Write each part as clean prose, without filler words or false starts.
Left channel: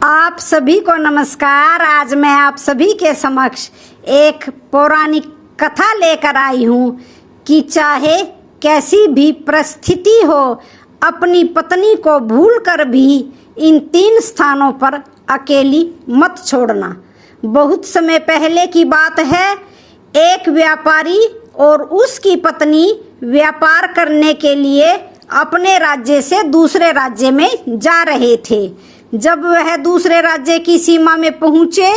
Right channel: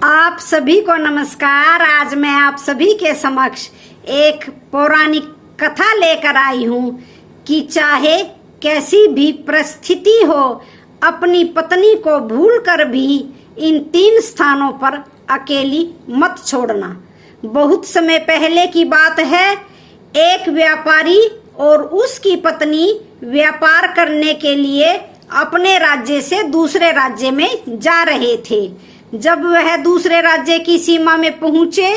आप सभी को नमस्कार। आज मैं आप सभी के समक्ष एक पौराणिक कथा लेकर आई हूँ कि चाहे कैसी भी परिस्थिति हो, अपनी पत्नी को भूलकर भी इन 3 स्थानों पर अकेली मत छोड़ना। बहुत समय पहले की बात है, एक व्यापारी और उसकी पत्नी व्यापार करने के लिए अपने राज्य से दूसरे राज्य में जा रहे थे। जब वह दूसरे राज्य की सीमा में पहुंचे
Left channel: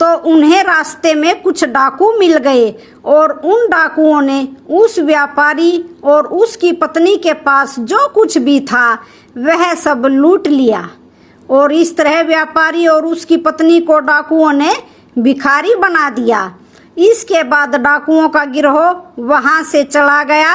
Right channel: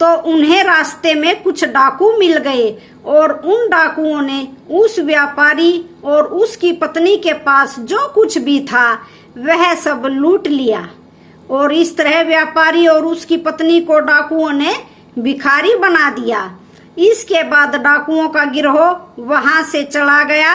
तो उन्हें रास्ते में कुछ डाकू मिल गए और उन डाकुओं ने उस व्यापारी और उसकी पत्नी के पास जो कुछ भी था वह सब लूट लिया। और इस तरह व्यापारी और उसकी पत्नी को डाकुओं ने भिखारी बना दिया। इसके बाद डाकुओं का गिरोह वहां से चला गया।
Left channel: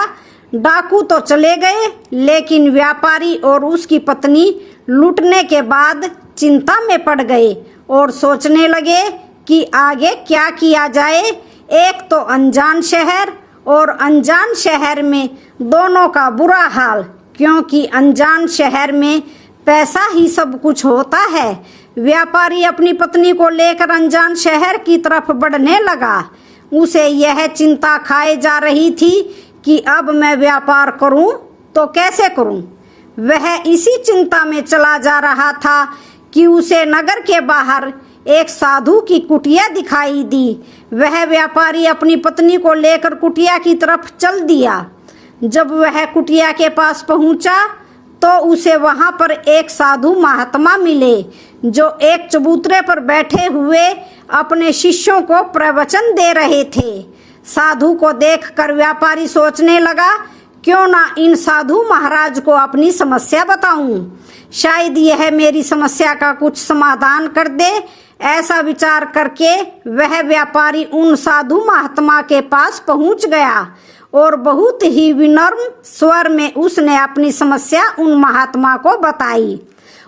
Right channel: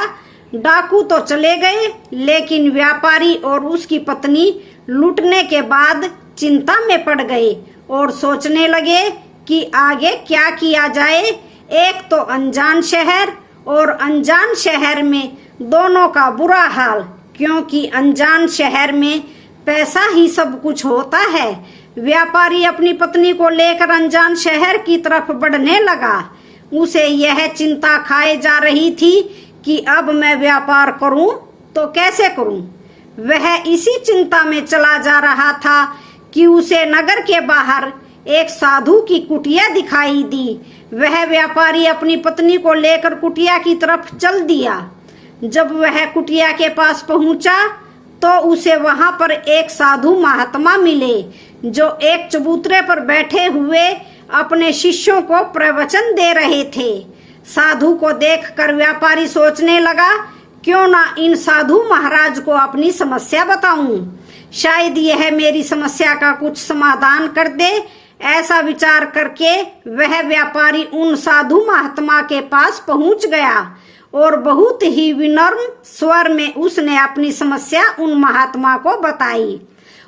डाकू तो चले गए, लेकिन व्यापारी और उसकी पत्नी लूटने के बाद चिंता में पड़ गए और सोचने लगे कि आगे क्या किया जाए। एक तो अनजान शहर और अनजान शहर में दोनों का बुरा हाल, क्योंकि अनजान शहर में पैसा ही सब कुछ होता है। व्यापारी अपनी पत्नी को लेकर अनजान शहर की तरफ बढ़ने लगा। उसे यह चिंता खाए जा रही थी कि अब मैं व्यापार करूं तो कैसे करूं। वह इसी चिंता में चला जा रहा था कि उसे नगर के बाहर एक साधु की कुटिया दिखाई दी। वह व्यापारी अपनी पत्नी को लेकर कुटिया की तरफ चल दिया। जब वह कुटिया के पास पहुंचा तो उसे वहां पर एक साधु महात्मा मिले, जो एक चबूतरे पर बैठे हुए अपने शिष्यों को प्रवचन दे रहे थे। साधु को देखकर व्यापारी सोचने लगा, क्यों ना इन साधु महाराज को अपनी समस्या बताऊं, शायद यह मेरी समस्या का कुछ समाधान कर दे। ऐसा विचार करके वह व्यापारी उन साधु महात्मा के पास पहुंच गया और बहुत ही विनम्र स्वर में उसने अपनी समस्या उन महात्मा को बताई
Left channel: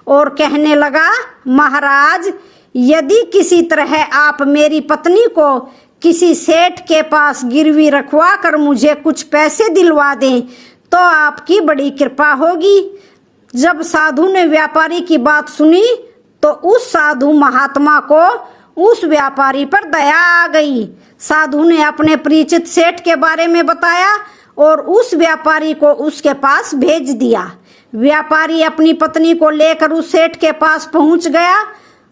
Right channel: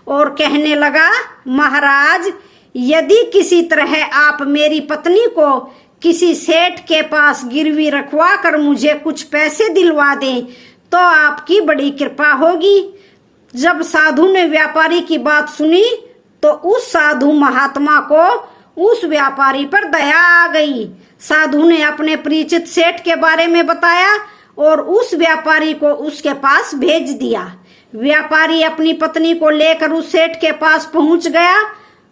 और कहने लगा, महाराज, यदि किसी तरह आप मेरी पत्नी को किसी सेठ के पास गिरवी रखवा कर मुझे कुछ पैसे दिलवा दें तो आपकी बड़ी कृपा होगी। जब साधु ने व्यापारी की बात सुनी तो उस साधु महात्मा को उस व्यापारी पर दया आ गई। साधु ने अपने परिचित सेठ के बारे में बताया और उस व्यापारी को उसके पास भेज दिया। व्यापारी अपनी पत्नी को लेकर उस सेठ के पास पहुंच गया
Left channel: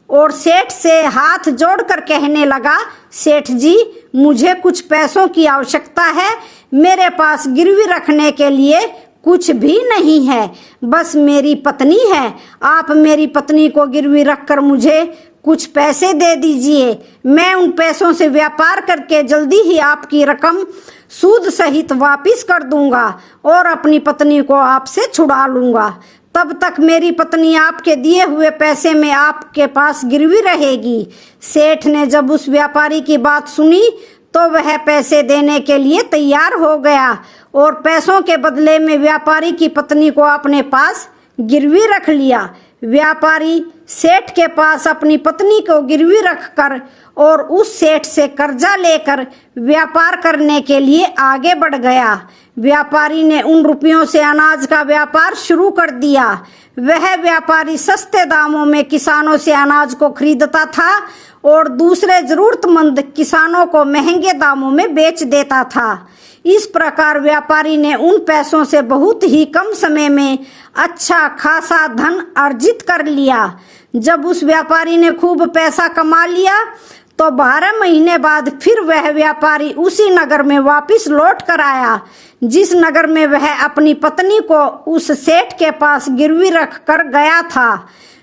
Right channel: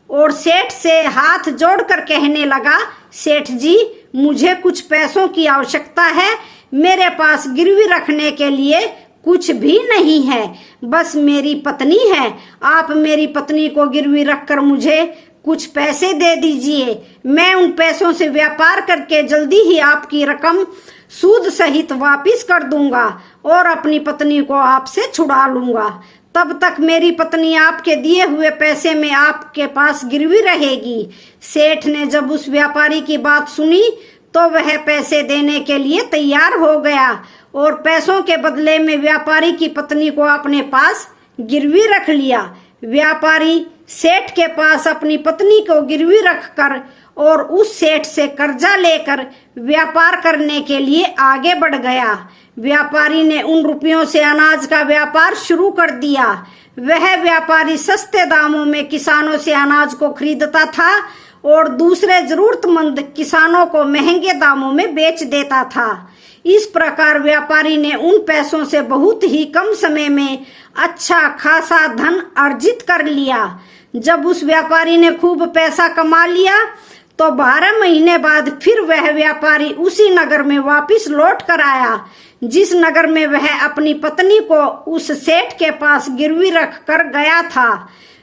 और सेठ से हाथ जोड़कर कहने लगा, सेठ जी, मुझे कुछ पैसों की आवश्यकता है। मेरे पास गिरवी रखने के लिए कुछ भी नहीं है, बस मेरी पत्नी है। आप मेरी पत्नी को गिरवी रखकर मुझे कुछ पैसे दे दीजिए। मैं उन पैसों से व्यापार करके जल्दी ही आपकी रकम सूद सहित वापस कर दूंगा और अपनी पत्नी को आपसे छुड़ा लूंगा। तब तक मेरी पत्नी आपके दिए हुए पैसे में आपके पास गिरवी रहेगी। सेठ ने जब उस व्यापारी की बात सुनी तो वह पैसे देने के लिए तैयार हो गया और पैसों के बदले में व्यापारी की पत्नी को अपने पास गिरवी रख लिया। व्यापारी सेठ के पास अपनी पत्नी को गिरवी रखकर और उस सेठ से कर्जा लेकर व्यापार करने के लिए आगे बढ़ गया। व्यापारी ने उन रुपयों से अनाज का व्यापार शुरू कर दिया। वह व्यापारी सस्ते दामों में किसानों से अनाज को खरीदता था और दूसरे जरूरतमंद किसानों को महंगे दामों में बेच देता था। इस प्रकार व्यापारी ने उन पैसों से बहुत ही कम समय में अच्छा खासा धन अर्जित कर लिया। जब उस व्यापारी ने खूब पैसा कमा लिया तो 12 महीने बाद फिर वह व्यापारी उसी नगर में वापस लौट कर आया जिस नगर में वह अपनी पत्नी को उस सेठ के पास गिरवी रख कर गया था।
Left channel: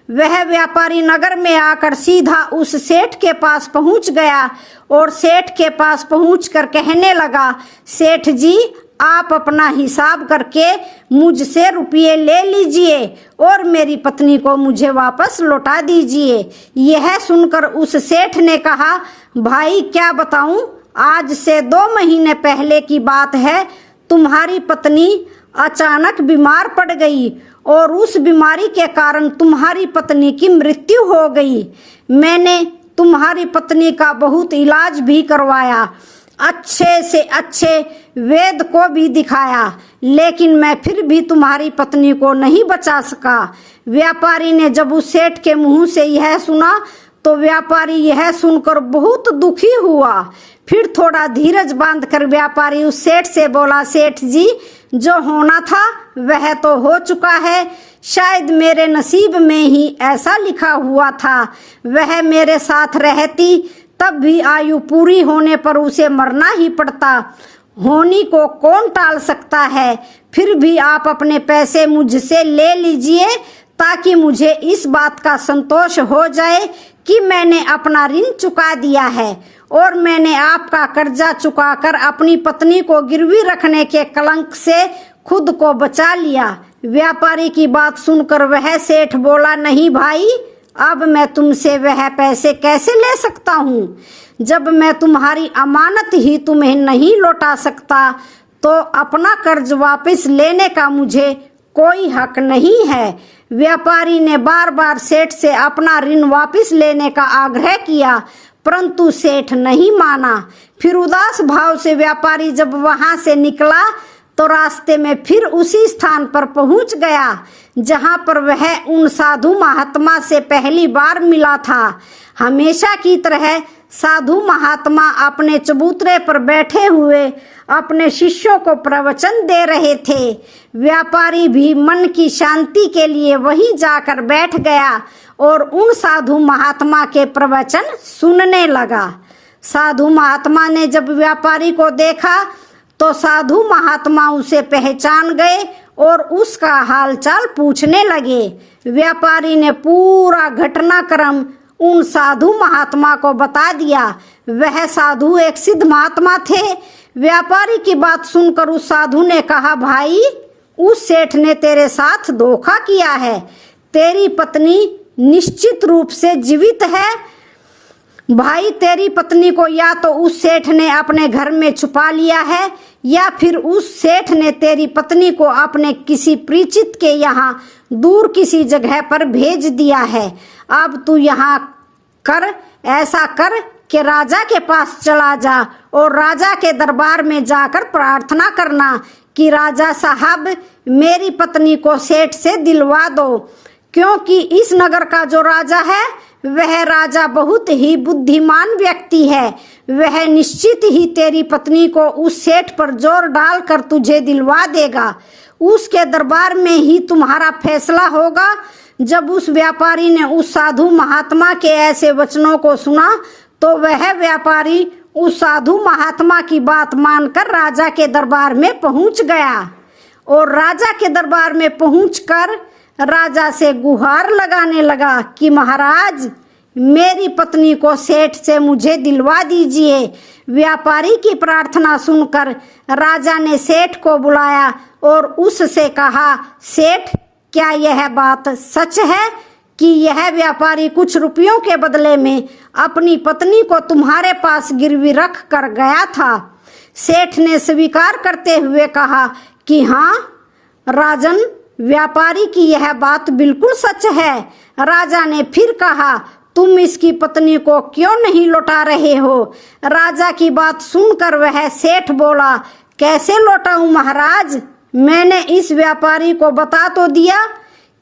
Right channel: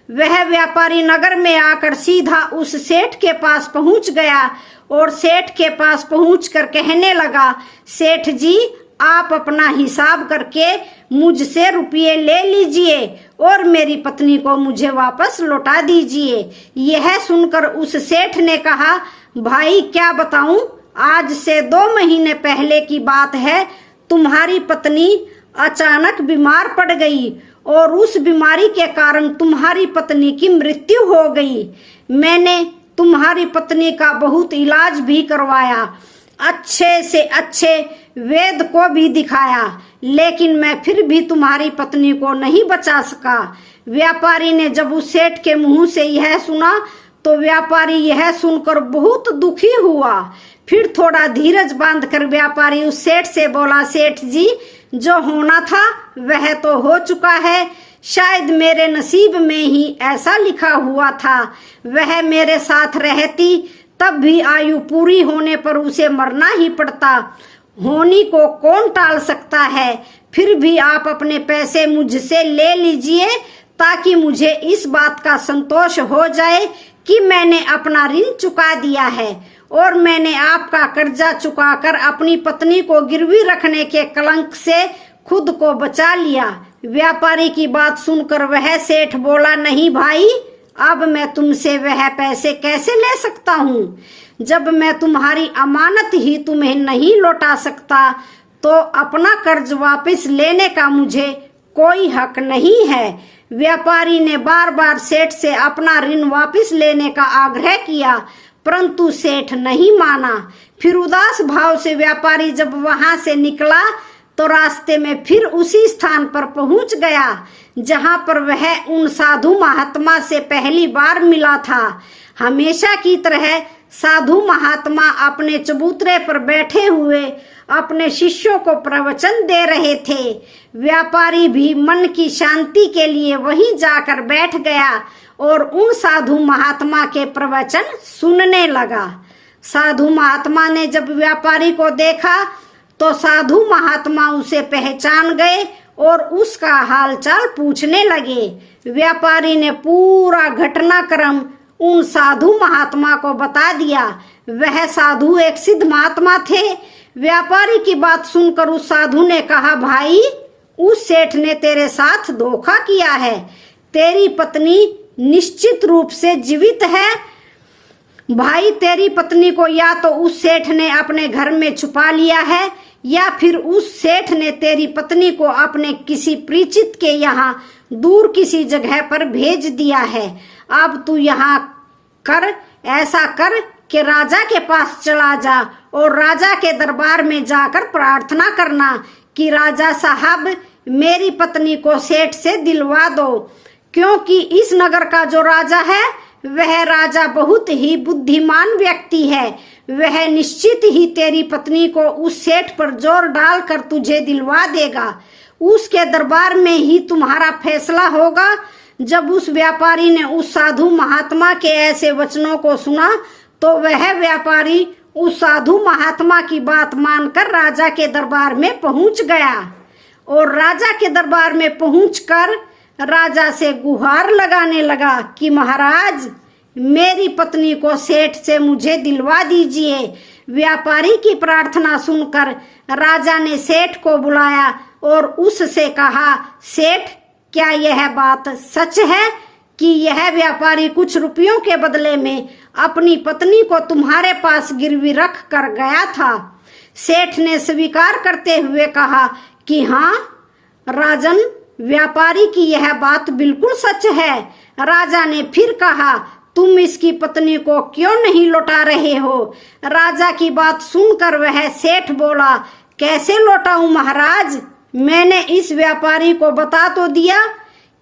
वह व्यापारी नगर में आकर सीधा उस सेठ के पास पहुंच गया और सेठ के पास पहुंचकर कहने लगा, सेठ जी, आप अपना हिसाब करके मुझसे रुपये ले लीजिए और मेरी पत्नी को मुझे वापस लौटा दीजिए। यह सुनकर उस सेठ ने कहा, भाई क्या बताऊं, आज से 2 महीने पहले की बात है। तुम्हारी पत्नी अचानक बीमार पड़ गई और उस बीमारी के कारण तुम्हारी पत्नी की मृत्यु हो गई। मैंने तुम्हारी पत्नी का बहुत इलाज भी करवाया। अच्छे से अच्छे वेद को भी दिखाया, लेकिन मैं फिर भी तुम्हारी पत्नी को नहीं बचा सका। व्यापारी ने जब उस सेठ के मुंह से यह सुना तो व्यापारी यह सुनकर बहुत दुखी हुआ। फिर थोड़ा धीरज बांधकर व्यापारी उस सेठ से बोला, सेठ जी, जो होना था वह तो हो चुका है। शायद मेरे नसीब में ही ऐसा लिखा हुआ था। वह मेरे साथ रहती तब भी आयु पूरी होने पर उसे मरना ही पड़ता। होनी को कौन टाल सकता है। फिर भी आप अपने पैसे मुझसे ले लीजिए ताकि मुझे इस बात का संतोष हो जाए कि मैंने अपना ऋण चुका दिया है और मैंने आपका कर्जा चुकाकर अपनी पत्नी को गिरवी रखने के कलंक से खुद को बचा लिया। व्यापारी की बात सुनकर वह सेठ बोला, नहीं भाई, अब मैं तुमसे वह पैसे कैसे ले सकता हूँ। जब मैं तुम्हारी अमानत ही तुम्हें नहीं लौटा सकता तो अपना कर्ज वापस लेने का मुझे कोई हक नहीं है। व्यापारी ने बार बार सेठ से अपना ऋण वापस लेने का आग्रह किया, परंतु सेठ नहीं माना। फिर उदास भाव से व्यापारी जब वहां से निकला तो रास्ते में फिर उसी स्थान पर पहुंच गया जहां पर वह उन साधु महात्मा से पहली बार मिला था। हमेशा की तरह साधु महात्मा अपने चबूतरे पर बैठे हुए अपने शिष्यों को प्रवचन दे रहे थे। व्यापारी भी मन की शांति के लिए वहीं जाकर बैठ गया और उन साधु महात्मा के प्रवचन सुनने लगा। साधु महात्मा ने जब व्यापारी को देखा तो साधु महात्मा उसे पहचान गए और उसका हालचाल पूछने लगे। व्यापारी ने पूरा घटनाक्रम उन साधु महात्मा को बता दिया। वह साधु एक सिद्ध महात्मा थे। व्यापारी की बात सुनकर उस साधु ने कहा, भाई, उस सेठ ने तेरे साथ धोखा किया है। तेरी पत्नी निश्चित रूप से जीवित है। भाई, तेरी पत्नी को या तो उस सेठ ने अपने घर में छुपा लिया है या फिर उस सेठ ने तेरी पत्नी को अपने किसी परिचित के यहाँ दूर किसी जगह पर भेज दिया है। अब तू यहाँ ऐसा कर कि राजा के पास चला जा और राजा के दरबार में जाकर प्रार्थना करना कि राजा साहब, मेरी पत्नी को सेठ से दिलवा दो, क्योंकि इस नगर का जो राजा है वह राजा बहुत ही बुद्धिमान व्यक्ति है। वह निश्चित ही तेरी पत्नी को उस सेठ पर जोर डालकर तुझे दिलवा देगा। उसके दरबार में ही तुम्हारा फैसला होगा। जब उस व्यापारी ने उस साधु महात्मा के ऐसे वचनों को सुना तो वह व्यापारी उस साधु महात्मा की बात मानकर राजा के दरबार में पहुंच गया और राजा के दरबार में पहुंचकर राजा से गुहार लगाने लगा कि महाराज, मेरी पत्नी को सेठ से मुझे दिलवा दीजिए। व्यापारी की प्रार्थना सुनकर राजा ने सेठ को बुलाया और उससे कहा, सेठ, क्या यह बात सच है कि यह व्यापारी कुछ रुपयों के बदले में अपनी पत्नी को तुम्हारे पास गिरवी रख कर गया था? सेठ ने स्वीकार करते हुए कहा कि हाँ राजन, व्यापारी की यह बात बिल्कुल सच है। राजा ने फिर कहा, तुम इसकी पत्नी को क्यों नहीं लौटा रहे हो? राजा की बात सुनकर वह सेठ बोला, कैसे लौटाऊं महाराज? मैंने इस व्यापारी को बता तो दिया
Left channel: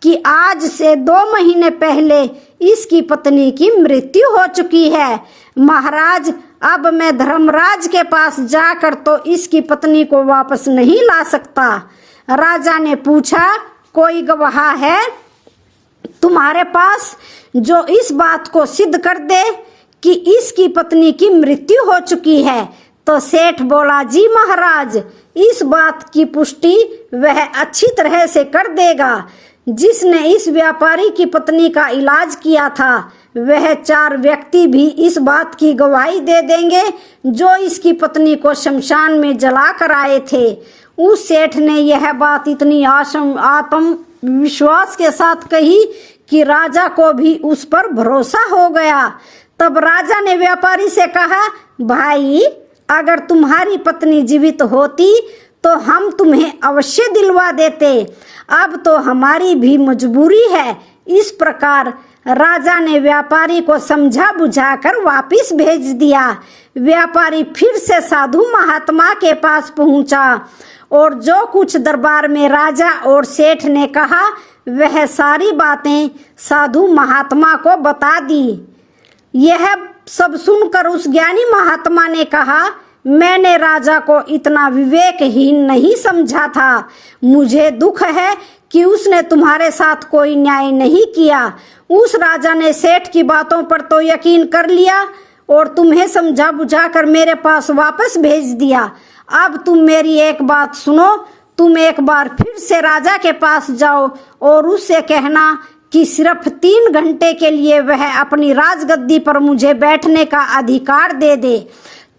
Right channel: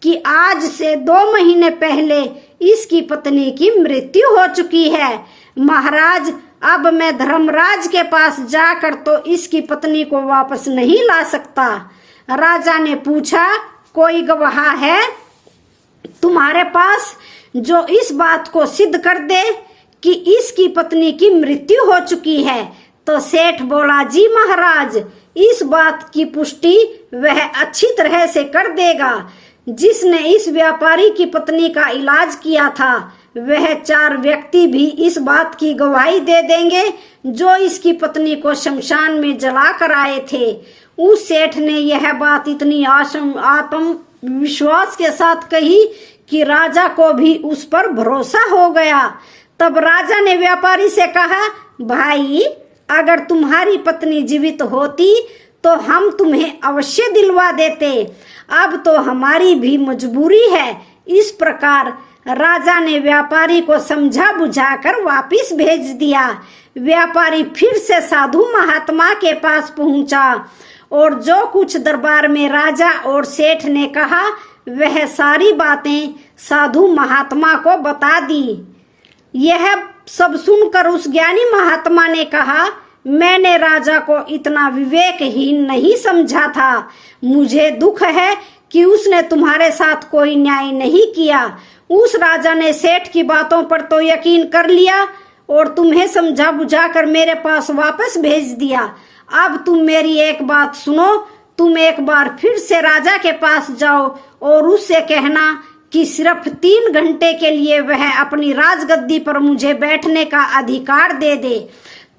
कि आज से 2 महीने पहले इसकी पत्नी की मृत्यु हो चुकी है। महाराज, अब मैं धर्मराज के पास जाकर तो इसकी पत्नी को वापस नहीं ला सकता। राजा ने पूछा, कोई गवाह है तुम्हारे पास जो इस बात को सिद्ध कर दे कि इसकी पत्नी की मृत्यु हो चुकी है? तो सेठ बोला, जी महाराज, इस बात की पुष्टि वह अच्छी तरह से कर देगा जिसने इस व्यापारी की पत्नी का इलाज किया था। वह 4 व्यक्ति भी इस बात की गवाही दे देंगे जो इसकी पत्नी को शमशान में जला कर आए थे। उस सेठ ने यह बात इतनी आत्मविश्वास के साथ कही कि राजा को भी उस पर भरोसा हो गया। तब राजा ने व्यापारी से कहा, भाई, अगर तुम्हारी पत्नी जीवित होती तो हम तुम्हें अवश्य दिलवा देते। अब तो हमारी भी मजबूरी है। इस प्रकार राजा ने व्यापारी को समझा बुझाकर वापिस भेज दिया। व्यापारी फिर से साधु महात्मा के पास पहुंचा और जो कुछ दरबार में राजा और सेठ ने कहा वह सारी बातें साधु महात्मा को बता दी। यह सब सुनकर उस ज्ञानी महात्मा ने कहा, मैंने राजा को इतना विवेकहीन नहीं समझा था। मुझे दुख है कि उसने तुम्हारे साथ कोई न्याय नहीं किया। उस राजा ने सेठ की बातों पर तो यकीन कर लिया और तुम्हें समझा बुझाकर मेरे पास वापस भेज दिया। अब तुम मेरी एक बात सुनो, तुम एक बार फिर से राजा के पास जाओ और उससे कहना कि सिर्फ 3 घंटे के लिए वह अपनी राजगद्दी पर मुझे बैठने का अधिकार दे दे।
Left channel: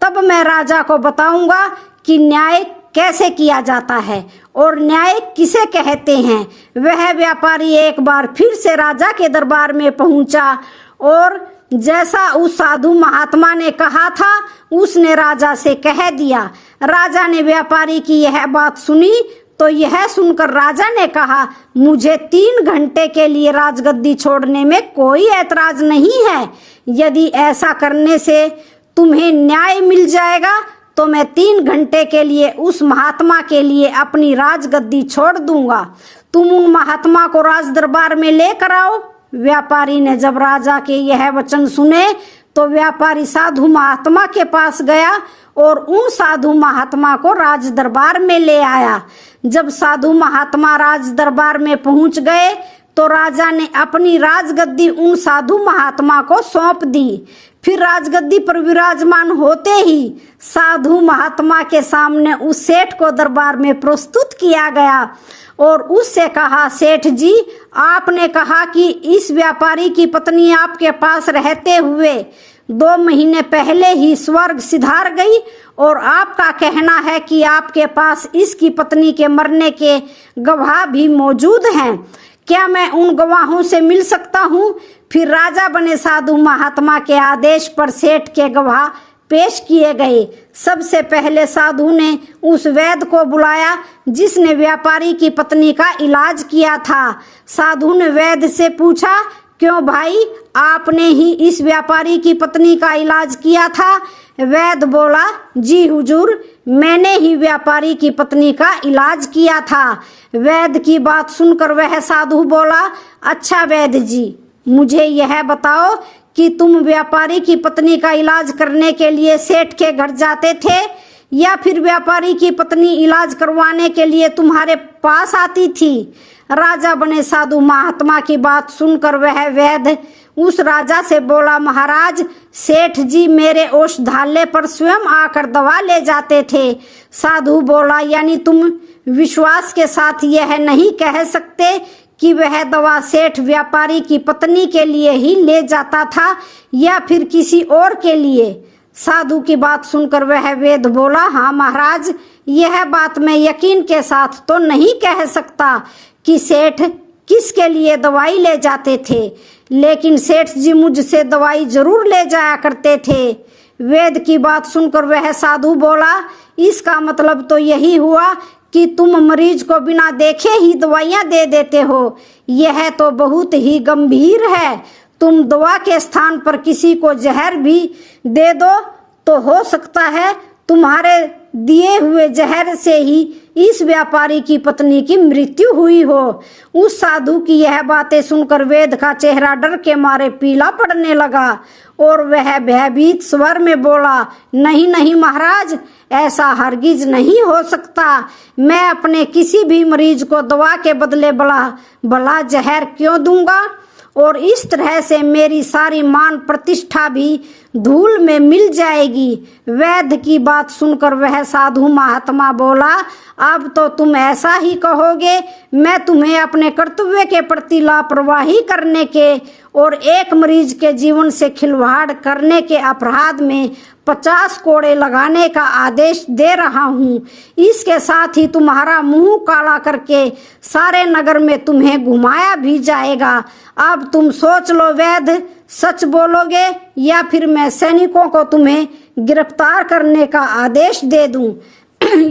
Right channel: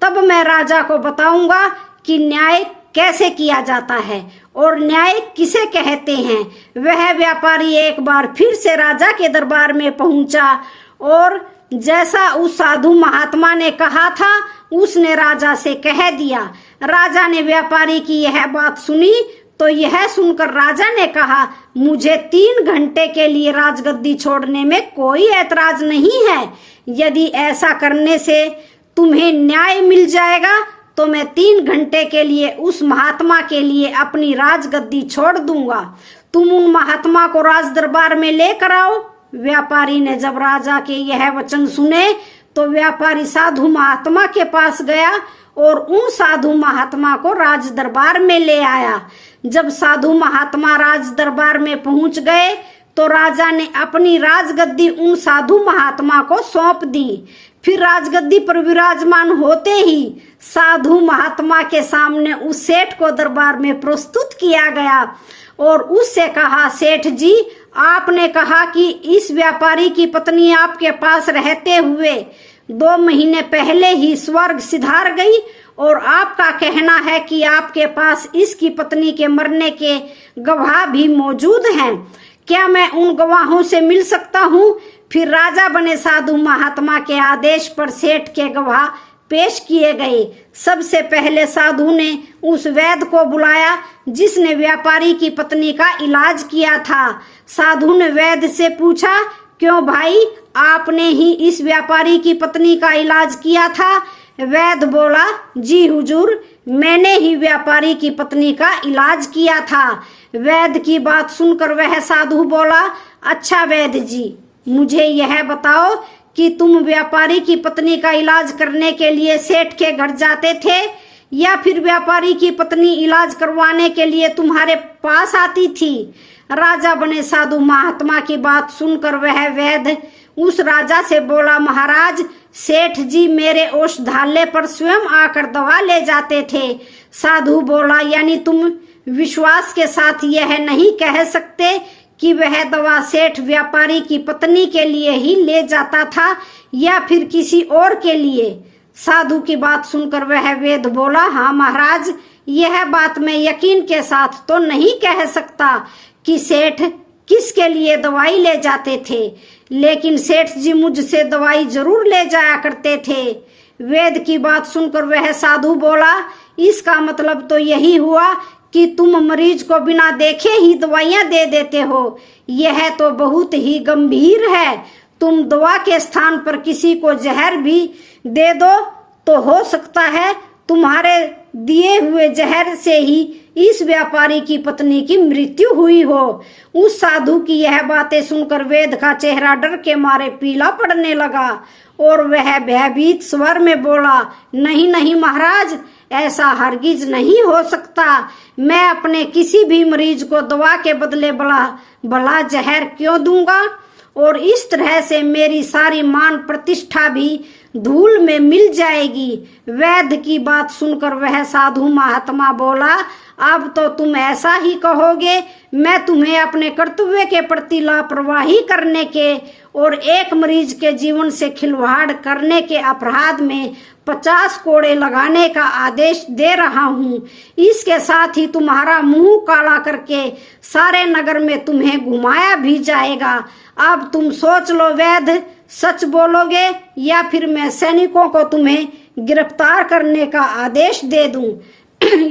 तब मैं राजा को बताऊंगा कि न्याय कैसे किया जाता है और न्याय किसे कहते हैं। वह व्यापारी एक बार फिर से राजा के दरबार में पहुंचा और जैसा उस साधु महात्मा ने कहा था उसने राजा से कह दिया। राजा ने व्यापारी की यह बात सुनी तो यह सुनकर राजा ने कहा, मुझे 3 घंटे के लिए राजगद्दी छोड़ने में कोई ऐतराज नहीं है। यदि ऐसा करने से तुम्हें न्याय मिल जाएगा तो मैं 3 घंटे के लिए उस महात्मा के लिए अपनी राजगद्दी छोड़ दूंगा। तुम उन महात्मा को राज दरबार में लेकर आओ। व्यापारी ने जब राजा के यह वचन सुने तो व्यापारी साधु महात्मा के पास गया और उन साधु महात्मा को राज दरबार में ले आया। जब साधु महात्मा राज दरबार में पहुंच गए तो राजा ने अपनी राजगद्दी उन साधु महात्मा को सौंप दी। फिर राजगद्दी पर विराजमान होते ही साधु महात्मा के सामने उस सेठ को दरबार में प्रस्तुत किया गया और उससे कहा, सेठ जी, आपने कहा कि इस व्यापारी की पत्नी आपके पास रहते हुए 2 महीने पहले ही स्वर्ग सिधार गई और आपका कहना है कि आपके पास इसकी पत्नी के मरने के गवाह भी मौजूद हैं। क्या मैं उन गवाहों से मिल सकता हूँ? फिर राजा बने साधु महात्मा के आदेश पर सेठ के गवाह पेश किए गए। सबसे पहले साधु ने उस वैद्य को बुलाया जिसने व्यापारी की पत्नी का इलाज किया था। साधु ने वैद्य से पूछा, क्यों भाई, आपने ही इस व्यापारी की पत्नी का इलाज किया था? वैद्य बोला, जी हुजूर, मैंने ही व्यापारी की पत्नी का इलाज किया था। वैद्य की बात सुनकर वह साधु बोला, अच्छा वैद्य जी, मुझे यह बताओ कि तुम व्यापारी की पत्नी का इलाज करने के लिए सेठ के घर जाते थे या फिर व्यापारी की पत्नी इलाज करवाने के लिए तुम्हारे पास आती थी? राजा बने साधु महात्मा की बात सुनकर वह वैद्य उस राजा से बोला, महाराज, सेठ जी मेरे औषधालय पर स्वयं आकर दवा ले जाते थे। साधु बोला, यानी तुम विश्वास के साथ यह नहीं कह सकते कि वह दवा सेठ व्यापारी की पत्नी के लिए ही ले जाता था या फिर किसी और के लिए? साधु की बात सुनकर वह वैद्य बोला, हाँ महाराज, यह बात मैं यकीन के साथ तो नहीं कह सकता कि सेठ किसके लिए दवाई ले जाते थे, लेकिन सेठ जी मुझसे दवाई जरूर ले जाया करते थे। वैद्य की बात सुनकर वह साधु बोला, इसका मतलब तो यही हुआ कि तुम मरीज को बिना देखे ही दवाइयां दे देते हो। यह तो बहुत ही गंभीर है। तुम दवा के स्थान पर किसी को जहर भी दे दो तो हो सकता है तुम्हारे दिए हुए जहर से ही इस व्यापारी की पत्नी की मृत्यु हुई हो। उस साधु की यह बातें सुनकर वैद्य का चेहरा डर के मारे पीला पड़ने लगा और वह भयभीत स्वर में बोला, नहीं नहीं महाराज, ऐसा हरगिज नहीं हो सकता। मैं अपने किसी भी मरीज को दवा के बदले भला जहर क्यों दूंगा? और इस तरह से मेरी सारी मान प्रतिष्ठा भी धूल में मिल जाएगी। वैद्य की बात सुनकर वह साधु महात्मा बोला, अब तो तुम ऐसा ही कहोगे, मैं तुम्हें अपने कर्तव्य के प्रति लापरवाही करने के और एक मरीज के जीवन से खिलवाड़ करने के अपराध में 50 कोड़े लगाने का आदेश दे रहा हूँ। इसके साथ ही तुम्हारा मुंह काला करके सारे नगर में तुम्हें घुमाया भी जाएगा। अब तुम सोच लो वैद्य, सच बोलोगे या फिर मैं सैनिकों को तुम्हें गिरफ्तार करने का आदेश दे दूं।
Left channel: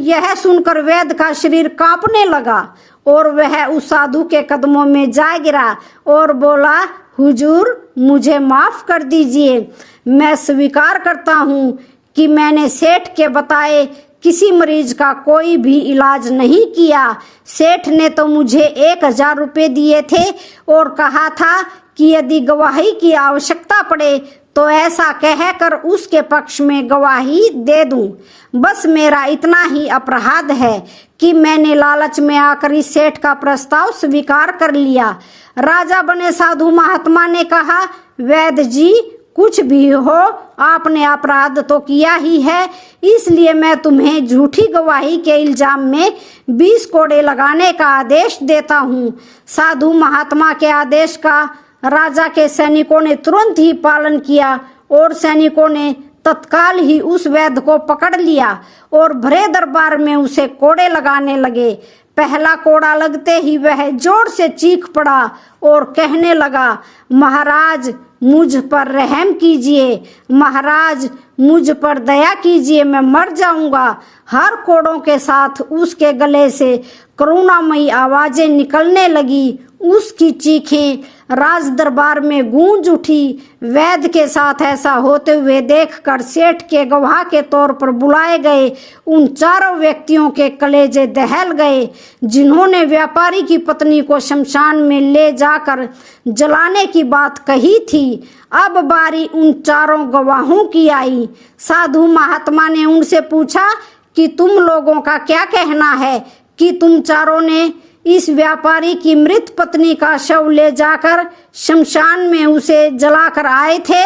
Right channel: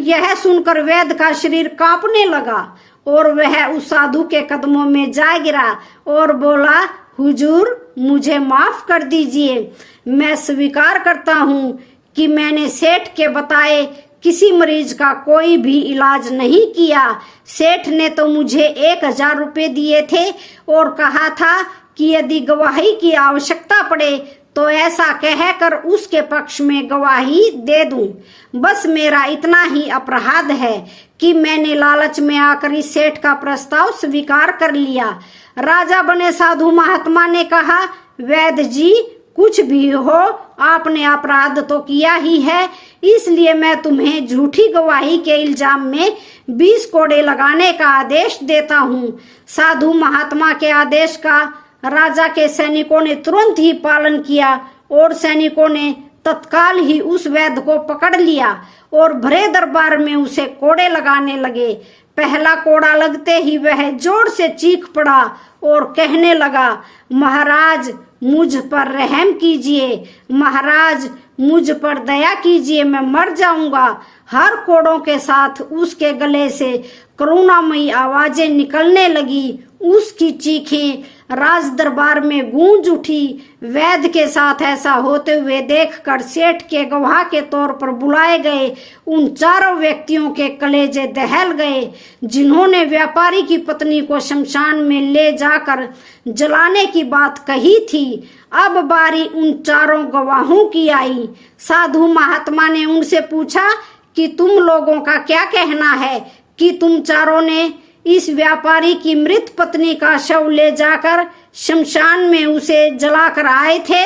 यह सुनकर वैद्य का शरीर कांपने लगा और वह उस साधु के कदमों में जा गिरा और बोला, हुजूर मुझे माफ कर दीजिए, मैं स्वीकार करता हूँ कि मैंने सेठ के बताए किसी मरीज का कोई भी इलाज नहीं किया। सेठ ने तो मुझे 1000 रुपये दिए थे और कहा था कि यदि गवाही की आवश्यकता पड़े तो ऐसा कहकर उसके पक्ष में गवाही दे दूं। बस मेरा इतना ही अपराध है कि मैंने लालच में आकर इस सेठ का प्रस्ताव स्वीकार कर लिया। राजा बने साधु महात्मा ने कहा, वैद्य जी कुछ भी हो, आपने अपराध तो किया ही है, इसलिए मैं तुम्हें झूठी गवाही के इल्जाम में 20 कोड़े लगाने का आदेश देता हूँ। साधु महात्मा के आदेश का राजा के सैनिकों ने तुरंत ही पालन किया और सैनिकों ने तत्काल ही उस वैद्य को पकड़ लिया और भरे दरबार में उसे कोड़े लगाने लगे। पहला कोड़ा लगते ही वह जोर से चीख पड़ा और कहने लगा, महाराज मुझ पर रहम कीजिए, महाराज मुझ पर दया कीजिए, मैं मर जाऊंगा। हर कोड़ों के साथ उसके गले से करुणामयी आवाजें निकलने लगी। उसकी चीखें राज दरबार में गूंज उठी। वैद्य के साथ ऐसा होते हुए देखकर सेठ के गवाह के तौर पर बुलाए गए उन चारों व्यक्तियों के कलेजे दहल गए जिन्होंने व्यापारी की पत्नी को शमशान में ले जाकर जलाने की बात कही थी। अब बारी उन चारों गवाहों की आई। साधु महात्मा ने उनसे पूछा कि तुम लोगों का क्या कहना है कि तुम चारों ने इस व्यापारी की मृत पत्नी का शव ले जाकर शमशान में उसे जलाकर आए थे।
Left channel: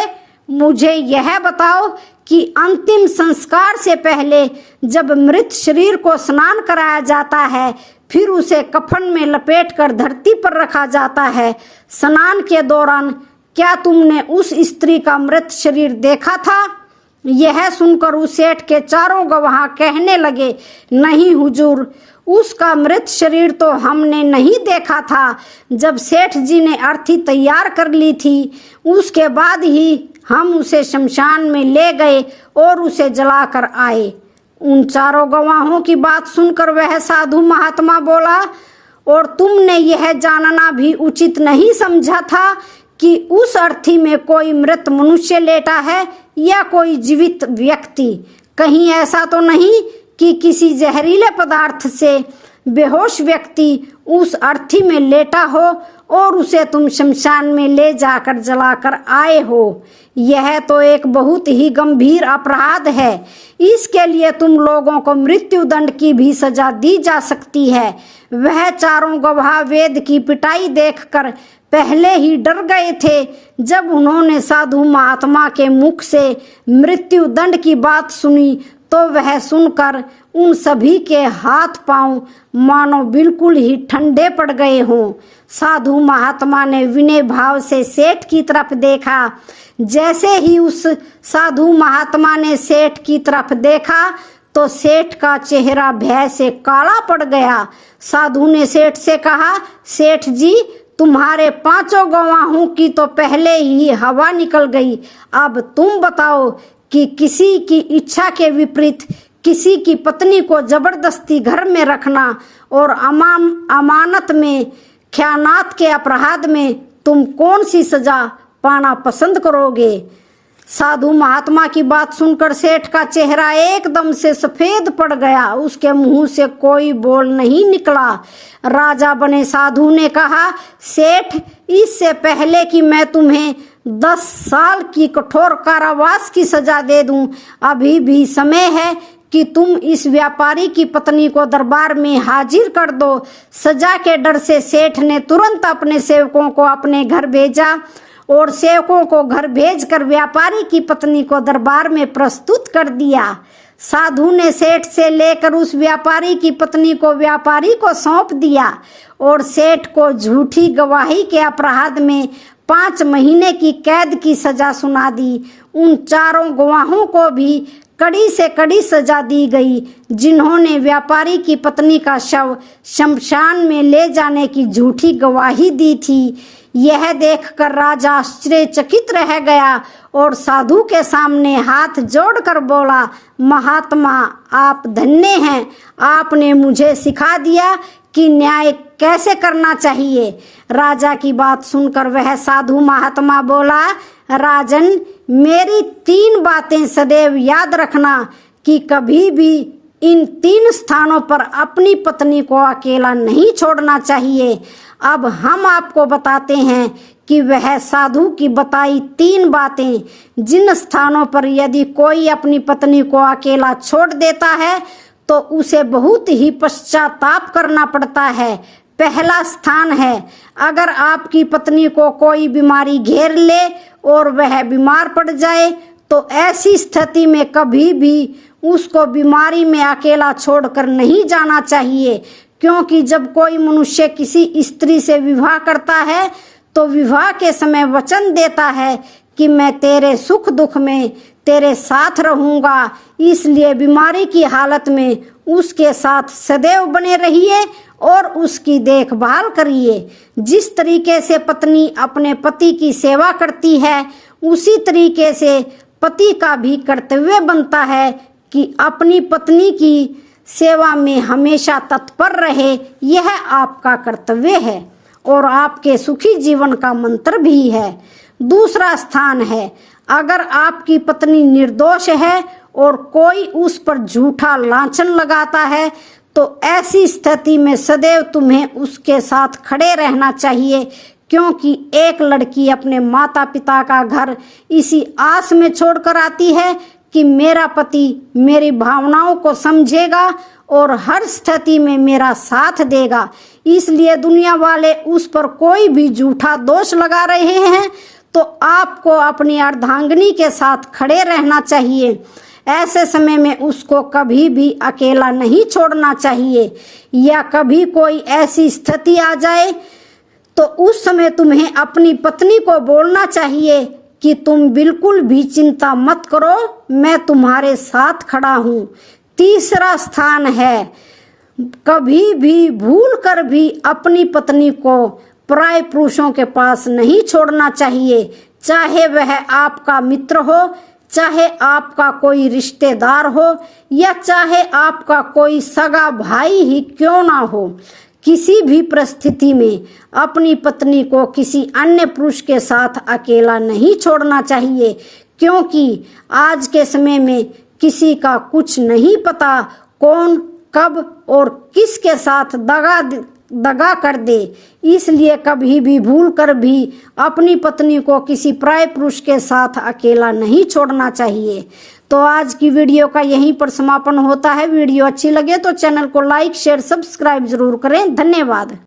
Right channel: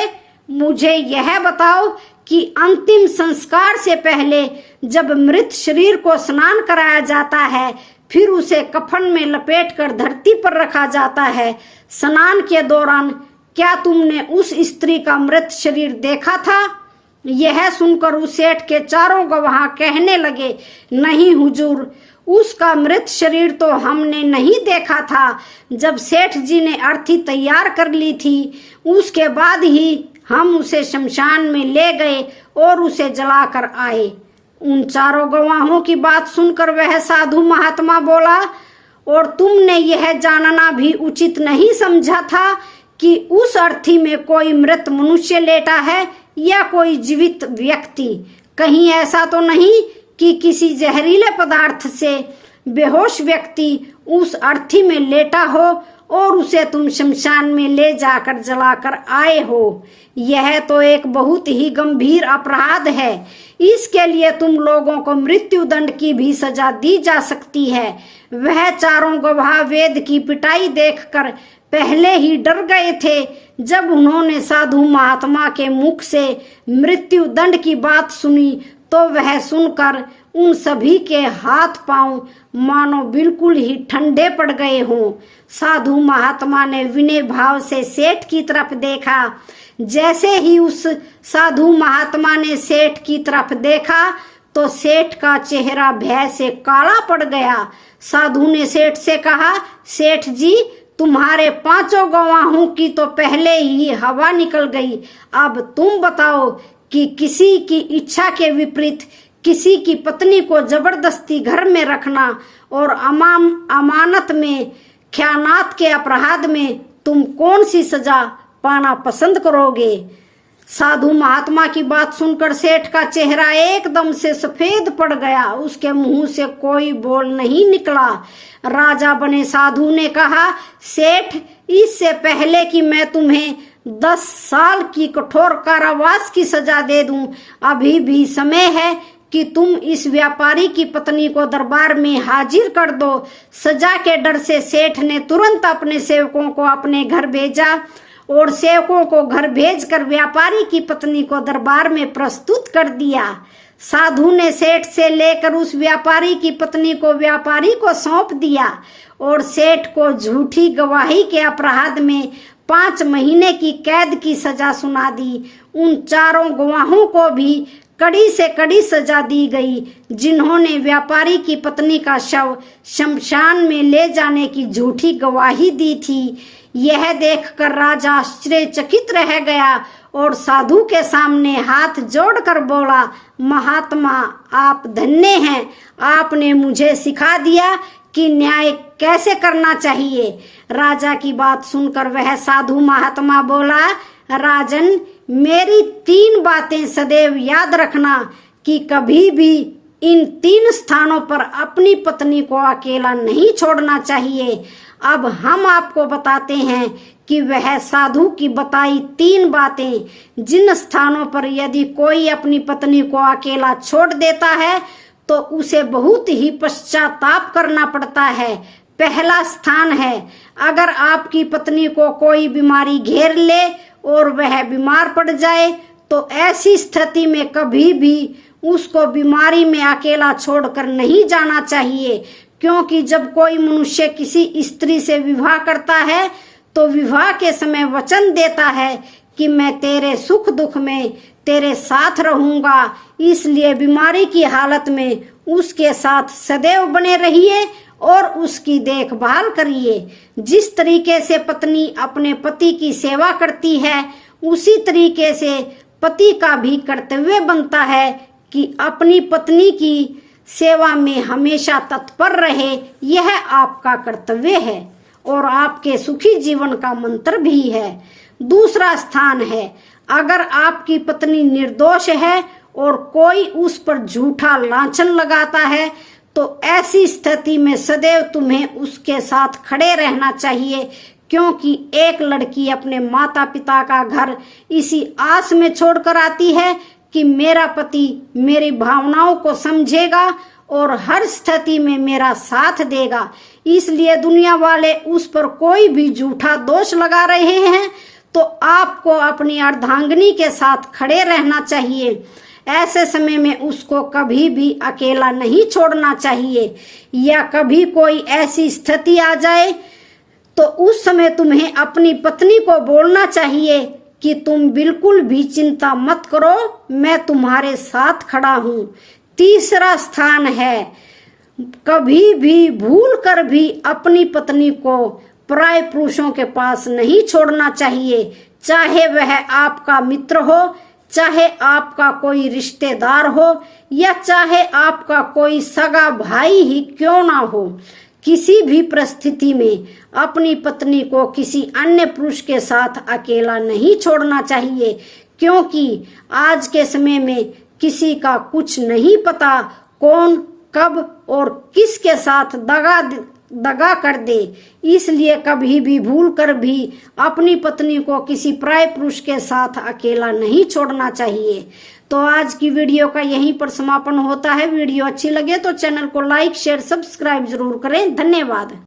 मुझे यह बताओ कि अंतिम संस्कार से पहले जब मृत शरीर को स्नान कराया जाता है, फिर उसे कफन में लपेटकर धरती पर रखा जाता है, स्नान के दौरान क्या तुमने उस स्त्री का मृत शरीर देखा था? यह सुनकर उस सेठ के चारों गवाह कहने लगे, नहीं हुजूर, उसका मृत शरीर तो हमने नहीं देखा था। जब सेठ जी ने अर्थी तैयार कर ली थी उसके बाद ही हम उसे शमशान में ले गए और उसे जलाकर आए। उन चारों गवाहों की बात सुनकर वह साधु महात्मा बोला, और तुमने यह जानना भी उचित नहीं समझा था कि उस अर्थी में कोई मृत मनुष्य लेटा है या कोई जीवित व्यक्ति? कहीं ऐसा तो नहीं कि किसी जहरीले पदार्थ से बेहोश व्यक्ति उस अर्थी में लेटा हो और उसे तुम शमशान में ले जाकर जलाकर आए हो? यह तो एक बहुत ही गंभीर अपराध है। इसके लिए तुम लोगों को मृत्यु दंड की भी सजा दी जा सकती है। वह चारों गवाह वेद की पिटाई देखकर पहले ही डर गए थे। जब उन्होंने साधु महात्मा के मुख से मृत्यु दंड की बात सुनी तो वह सुनकर उन सभी के हाथ पांव मानो बिल्कुल ही ठंडे पड़ गए हों। साधु महात्मा ने विनय भाव से सेठ की तरफ देखा। जैसे ही उस साधु महात्मा ने सेठ की तरफ देखा तो सेठ का चेहरा भय से काला पड़ गया। साधु ने सेठ से कहा, सेठ जी, तुम्हारे 5 गवाहों की तो पहले ही हवा निकल गई। अब तुम बताओ कि किसी की इच्छा के विपरीत किसी की पत्नी को जबरदस्ती घर में रखना और अमानत में ख्यानात के अपराध में तुम कौन सी सजा पाना पसंद करोगे? साधु महात्मा की बात सुनकर सेठ का चेहरा एकदम से सफेद पड़ गया। उसके मुंह से कोई बोल नहीं निकला। राजा बने साधु ने कहा, सेठ, इससे पहले कि मैं तुम्हें 10 साल की कठोर कारावास की सजा दे दूं, अभी भी समय है कि तुम इस व्यापारी की पत्नी को दरबार में हाजिर कर दो। सजा के डर से सेठ ने तुरंत अपने सेवकों को अपने घर भेजा और सेवकों को घर भेजकर व्यापारी की पत्नी को दरबार में प्रस्तुत कर दिया। साधु ने सेठ से लेकर उस व्यापारी की पत्नी को व्यापारी को सौंप दिया और सेठ को झूठी गवाही के अपराध में 5 महीने की कैद की सजा सुना दी। उन चारों गवाहों को भी कड़ी से कड़ी सजा दी गई जिन्होंने व्यापारी की पत्नी का शव शमशान में ले जाने की झूठी गवाही दी थी। यह देखकर राजा आश्चर्यचकित रह गया और साधु के सामने हाथ जोड़कर बोला, महात्मा आप धन्य हैं, आपने मुझे सिखा दिया कि न्याय कैसे करना चाहिए। राजा की बात सुनकर वह साधु महात्मा बोला, राजन मेरी 3 बातें सदैव याद रखना कि कभी भी इन 3 स्थानों पर अपनी पत्नी को अकेला नहीं छोड़ना चाहिए। अब हम आपको बताते हैं कि वह साधु की बताई 3 बातें जिन स्थानों पर यदि कोई अपनी पत्नी को अकेला छोड़ देता है तो उसे बहुत ही पश्चाताप करना पड़ता है। पहला स्थान है, अगर आपकी पत्नी को कोई बीमारी घेर ले और वह बीमार पड़ जाए तो ऐसी स्थिति में कभी भी उसको बीमारी में अकेला छोड़कर नहीं जाना चाहिए, क्योंकि जब कोई मनुष्य किसी स्त्री से विवाह करता है तो विवाह के समय वचन देता है कि मैं तेरे सुख दुख में तेरे साथ रहूंगा, इसलिए बीमारी की हालत में उसके साथ सदैव बने रहिए और उसकी देखभाल करिए। जिस तरीके से पत्नी अपने पति की सेवा करती है उसी तरीके से पति का भी कर्तव्य बनता है कि अपनी पत्नी की सेवा में हमेशा तत्पर रहे। यह आपका कर्तव्य है और आपके सुखी जीवन का मंत्र भी है। दूसरा स्थान है, अगर आपकी पत्नी निर्दोष है और कोई उस पर झूठा लांछन लगाता है तो ऐसी स्थिति में सदैव तुम्हें उसके साथ खड़े रहना चाहिए, क्योंकि एक लड़की अपने माता पिता का घर इसी आस में छोड़कर आती है कि मेरा पति मेरी भावनाओं को समझेगा और हर स्थिति में मेरा साथ देगा। इसलिए दुनिया वाले उस पर कोई भी झूठा दोष लगा रहे हैं तो आपको अपनी अर्धांगिनी के साथ खड़े रहना चाहिए। ऐसे समय में उसको कभी भी अकेला नहीं छोड़ना चाहिए, या कभी कोई ऐसी स्थिति आ जाए तो उस समय तुम्हें अपनी पत्नी को बोलना चाहिए कि तुम बिल्कुल भी चिंता मत करो, मैं तुम्हारे साथ खड़ा हूँ। तीसरा स्थान है, कभी भी भूल कर भी अपनी पत्नी को पराये पुरुषों के पास नहीं छोड़ना चाहिए, चाहे वह आपका मित्र हो, चाहे आपका कोई रिश्तेदार हो, या चाहे आपका कोई सगा भाई ही क्यों ना हो। किसी भी परिस्थिति में अपनी पत्नी को किसी अन्य पुरुष के साथ अकेला नहीं छोड़ना चाहिए, क्योंकि आज के समय में किसी का कुछ नहीं पता, कौन कब और किसके साथ दगा कर दे। इसलिए कभी भी भूल कर भी अपनी पत्नी को किसी पराये पुरुष के साथ अकेला नहीं छोड़ना चाहिए। तो आज की वीडियो का यहीं पर समापन होता है। वीडियो अच्छी लगे तो चैनल को लाइक शेयर सब्सक्राइब जरूर करें। धन्यवाद।